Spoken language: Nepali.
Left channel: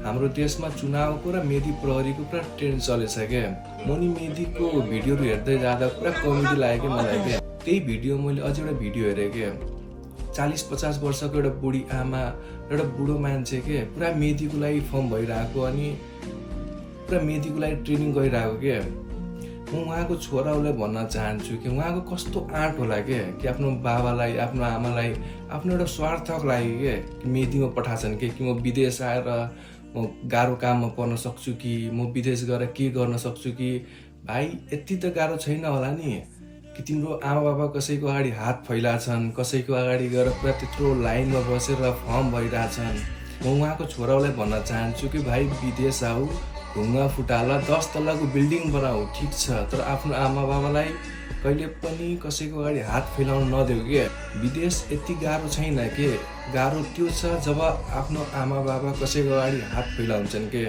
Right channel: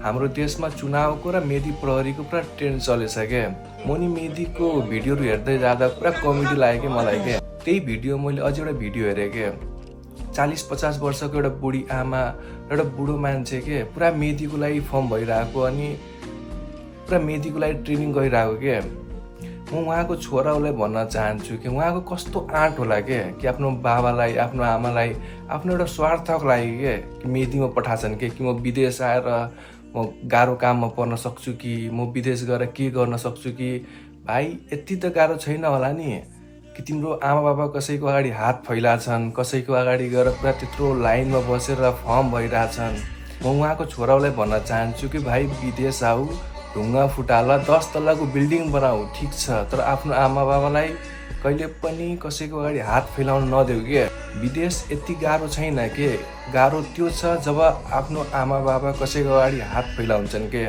हाम्रो देशमा चुनावको र मेधी प्रहरीको पुरा ट्रेन्ड चलेछ क्या। म नि मेधीको भिडियोहरू हेर्दै जाँदा पुरा कमेडी लाग्यो क्या मलाई क्या। त्यही भिडियो मैले अझै एउटा भिडियो हेरेँ क्या। 40-50 वर्षको एउटा बुढी आमा एउटा बुढो मान्छे के पुरा मेधीको लागि फर्म भइरहेको अनि पुरा मेधीको लागि ट्रेनिङ गरिरहेको क्या। म उहाँको छोरालाई भन्न चाहन्छु कि उहाँको कस्तो आँट होला क्या कि आफ्नो बाबालाई आफ्नो आमालाई आफ्नो एउटा स्वार्थको लागि के कि मेधीमा पठाछन् कि म विदेश आएर म गाह्रो काममा पर्न सक्छु कि म विदेश गएर के गर्न सक्छु कि भाइ यति त गाह्रो छैन होला नि कि तिम्रो आमा बाबा कसैको अगाडि हात फैलाछन्, कसैको अगाडि गएर पुरा त्यत्रो लाइनमा बसेर फर्म भइरहेछन्। म उहाँको छोरालाई भन्न चाहन्छु कि भाइ विदेश आऊ, ढुङ्गा फुटाला, 10 तल्लाको बिल्डिङ बनाऊ, ठिक छ, तर आफ्नो आमा बाबालाई कहिले पनि कसैको अगाडि हात फैलाउन नदेऊ के। विदेश यति गाह्रो छैन के, गाह्रो त्यो छ जब आफ्नो आमा बाबा कसैको अगाडि हात फैलाउँछन् के।